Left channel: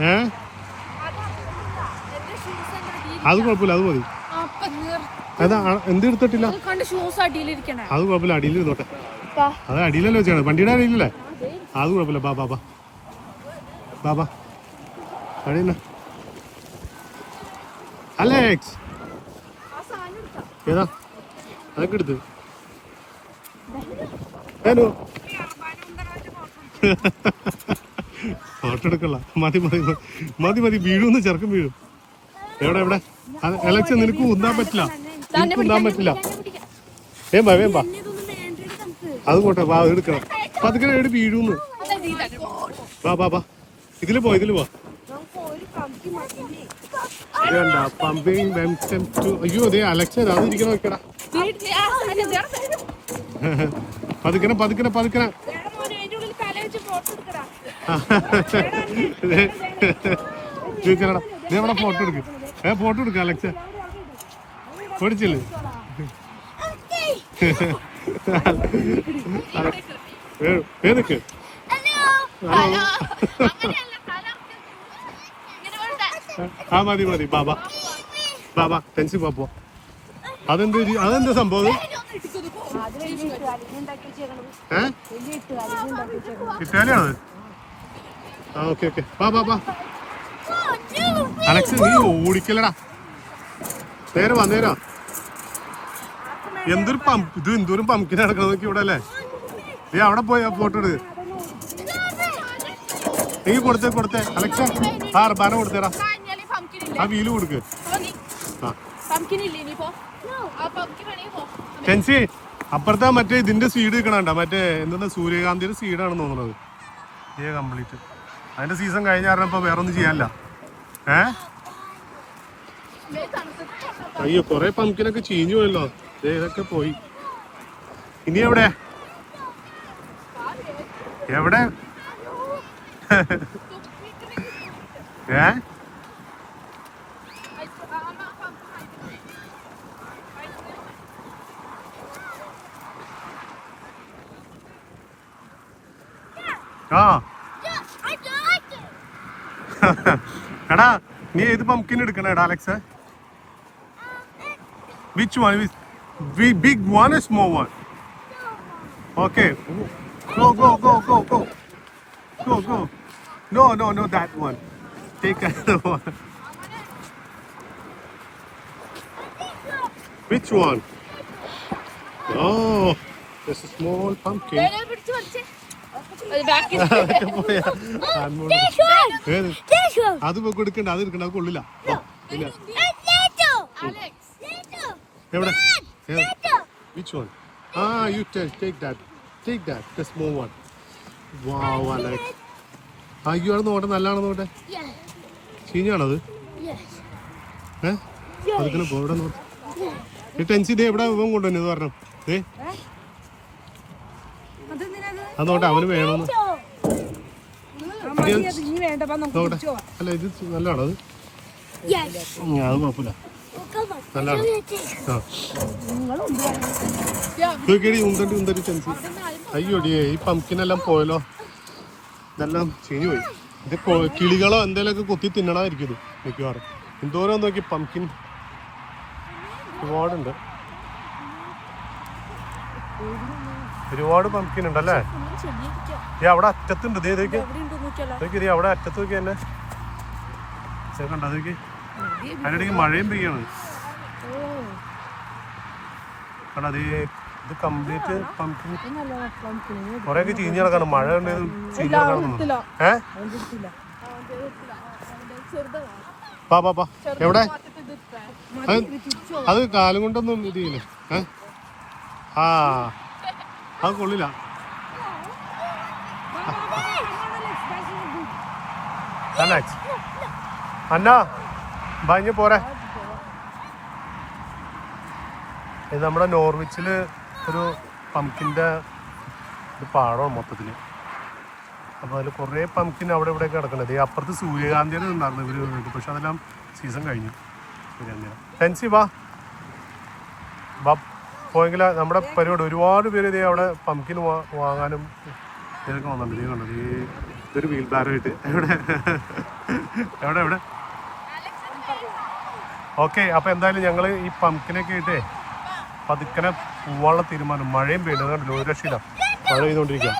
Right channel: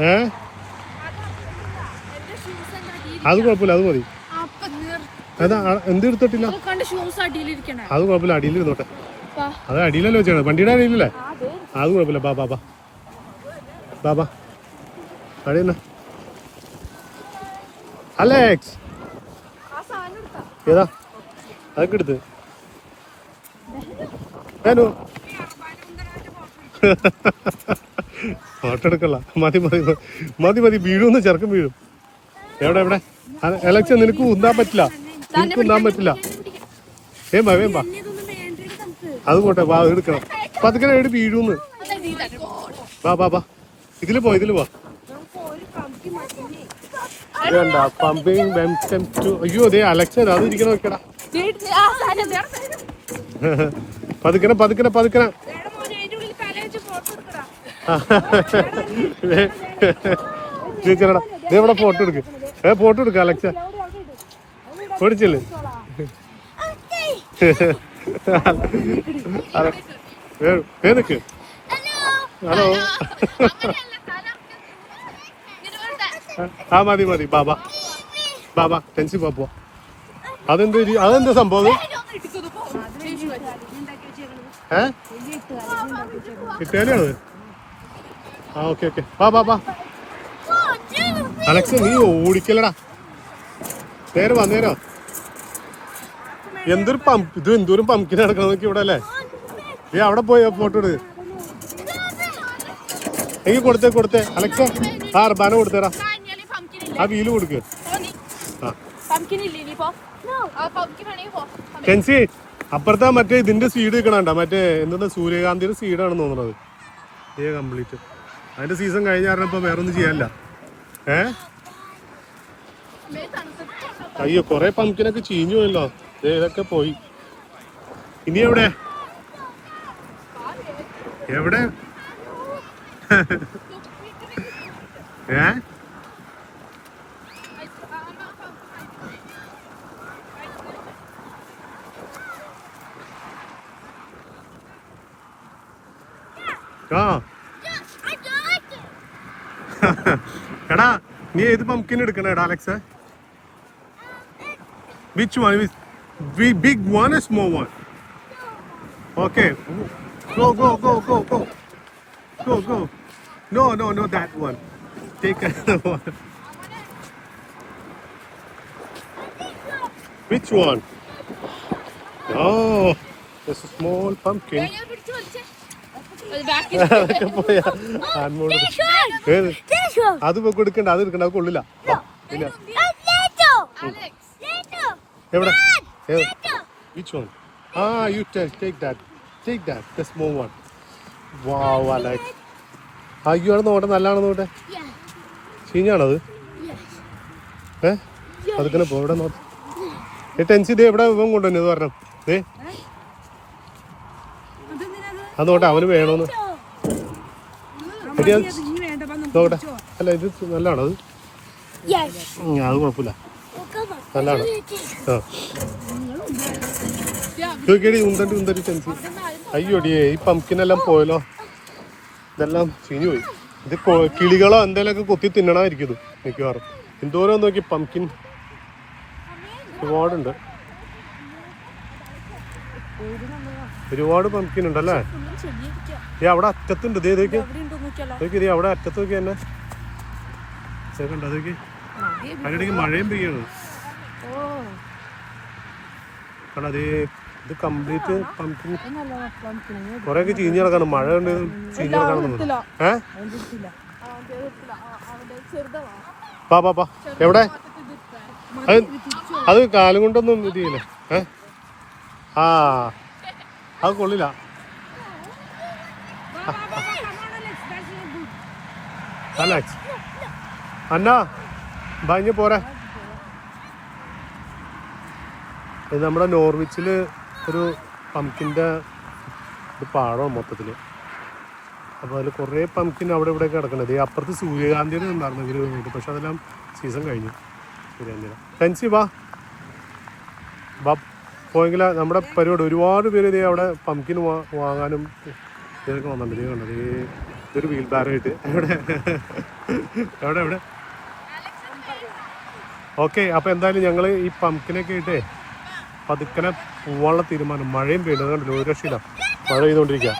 ഏ? അത് കുഴപ്പമില്ല അത് മതി. അതാ എന്ത് എടുത്തിട്ടില്ല? അത് കുഴപ്പമില്ല അടിയിൽ ഇരുന്നോട്ടെ അത് അടിയിലല്ലോ വെച്ചാണ് വണ്ടിയുടെ അടിയിലല്ലേ? അത് കുഴപ്പമില്ല. ബാ ബാ ബാ. ബാ ബാ. അലേക്സ്. ഏതാ? അതൊക്കെ എടുത്ത്. ഏനു ഫോട്ടോ എടുക്കല്ല മതി മതി. മതി. മതി. വീഴുന്ന് ചെറുക്കം വീഴും. എവിടെ എവിടെ? എലക്ഷൻ നിനക്ക് ഉന്താൻ പറ്റില്ല. നിനക്ക് ഉന്താൻ പറ്റില്ല. വേമ്പാ വേമ്പാ അത് പോട്ടെ വാ എടുക്കണം. പതുക്കെ എവിടെ വീഴൂന്ന് വാ വാ വാ. ഇതിൽ പോ ഇതിൽ പോ. വേണ്ട പമ്പിങ് വെംസ്റ്റം ടു അയ്യോ അതെ അലക്ഷൻ അത് ഇരിക്കണം വെക്കടാ. പതുക്കനെ പതുക്കനെ പതുക്കനെ. ചോദിച്ചടാ നീ ഇവിടെ ഫോട്ടോ എടുക്ക്. ഏ ഫോട്ടോ എടുക്ക അലക്സ. പൊടിച്ചില്ലേ? ഏതൊക്കെ ഹലോ ആ മതി മതി ബാബ. ബാബ ടെൻഷൻ പാപ്പോ അതെന്ത് അതെന്ത് അതെന്താ സംഭവം? ഏ? ഇറ്റാലിയാണത് ആ ഓക്കെ ഓക്കെ. വാ വാ വാ. അലക്സ് നീ ഓടിക്കലടാ നേരെ വാ നേരെ എന്തൊരു പമ്പ് ഇത് എന്തോരം പമ്പിന് നടക്കണം നോക്കി ഇവിടെ അല്ലേ? ഏ അവിടെ പോയി ഫോട്ടോ എടുക്ക്. എങ്കി കൊടുത്തേ കൊടുത്തേ. അലക്സ ആ അർബാന കൊടുത്തേടാ. ആ വീൽ കൊടുക്ക്. ടെൻസി അപ്പുറത്താ മറ്റേ ഇതിന്റെ സീഡ് നിൽക്കണണ്ട മറ്റേ എന്താ സൂര്യകാന്തിയുടെ സീഡാണെന്ന് തോന്നുന്നത്. കംപ്ലീറ്റ് അതിന്റെ സീസൺ കഴിഞ്ഞ കാരണം ഇപ്പൊ വേറെ ഒന്നും ചെയ്യാനില്ല. ഏ? അയ്യോ കൊറേ പമ്പിനൊക്കെ ചീഞ്ഞു പോയല്ലോ. ഇതൊക്കെ പോയി. ഇനി എവിടെ? എവിടെ? ഏ? ആ. എടാ നീ ഏത് pumpkin എടുക്കണേടാ Alex which one big one small one okay go go go go go go go no no no that one take one which one oh this small pumpkin അതൊക്കെ പോയാ. ആൺമോൾ ഏത്? അത് കൊടുക്കണ്ട അത് എടുക്കണ്ട അത് കൊള്ളില്ല. പിന്നെ. എവിടെ? വിച്ച് വൺ ആ you take that take that the small one wow Alex അയ്യോ നോട്ടെ നല്ലതാണെന്ന് നോട്ടെ ചീഞ്ഞാണത്? ഏ? അതുക്കണ പോ ഇവിടെ നോട്ടെ ഈ ടെൻസി ദേ എവിടെ ഇവൻ കൊണ്ടുവന്നു പറഞ്ഞു. ദേ. അത്? നോട്ടെ അവന് വേണോന്ന് നോക്കട്ടെ. അല്ല ഇത് നല്ലതാണോ അത്? അത് കുഴപ്പമില്ല. നല്ലതാണ്? നോക്കിയടി ഉന്തണ്ടി ഉന്തണ്ടി ടെൻഷൻ അയ്യോടിയേ ഈ പമ്പിനെല്ലാം പോയല്ലോ. ഇതെല്ലാം ചീഞ്ഞു പോയി ഇത് കിളികളോ എന്തെങ്കിലുമൊക്കെ കൊത്തി തിന്നണമായിരിക്കും ഇത് മിക്കവാറും. എന്തോരം നോക്കി പമ്പിൻ ഒരുപാടുണ്ട്. ഒരുപാട് പമ്പിൻ ഉണ്ടല്ലേ? അവിടെ അറ്റത്തുണ്ട് ഇതേക്ക്. അവിടെ അറ്റത്തൊക്കെ തന്നെ ഇത് കണ്ടോ അതൊക്കെ അതിനിടയ്ക്ക് മഴയും പെയ്യാണ്. അതേ ഇത് കംപ്ലീറ്റ് പമ്പിൻ കുറെയൊക്കെ ചീഞ്ഞ് കിടക്കാണ്. മഴ പാ എവിടെ? അത് കാലം കൊണ്ടൊന്നും ഇത് ചെയ്യില്ല? ഏ? ആ. അത് കൊള്ളില്ല. അന്ന ഭയങ്കര പോരാ. ഇത് നമ്മുടെ നോർവിച്ചിൽ ഒരു പമ്പിന്റെ ഒരു പാഴമാണ് മൊത്തത്തിൽ. അപ്പോൾ അതിൽ കുറേ പമ്പിൻ അവിടെ ഇവിടെ കിടക്കണത് ഈ അപ്പുറത്ത് സൂര്യകാന്തിയുടെ ഉണ്ടായിരുന്നു ഇവർ നോക്കി പക്ഷെ അതെല്ലാം സീസൺ കഴിഞ്ഞു. സൂര്യകാന്തിയുടെ ടെൻസി വാ. വാ പോയെങ്കിൽ നമ്മുടെ പരിപാടി ഒരുപാട് പേര് ഇതേ അവിടെ പമ്പിൻ വാങ്ങാനും ഇതൊക്കെ വന്നിട്ടുണ്ട്. കണ്ടത് ഇതൊരു വീൽ ബാറായിട്ട് എവിടെ? എവിടെ എവിടെ? ഓക്കെ അപ്പൊ എന്തായാലും ഞങ്ങൾ ഈ പമ്പിനൊക്കെ ആയിട്ടേ പതുക്കനെ പോവാനുള്ള തീരുമാനം. മഴയും പെയ്യുന്നത് കണ്ടു ഒരു രക്ഷയില്ല. മഴ ചെയ്തുകൊണ്ടിരിക്കുക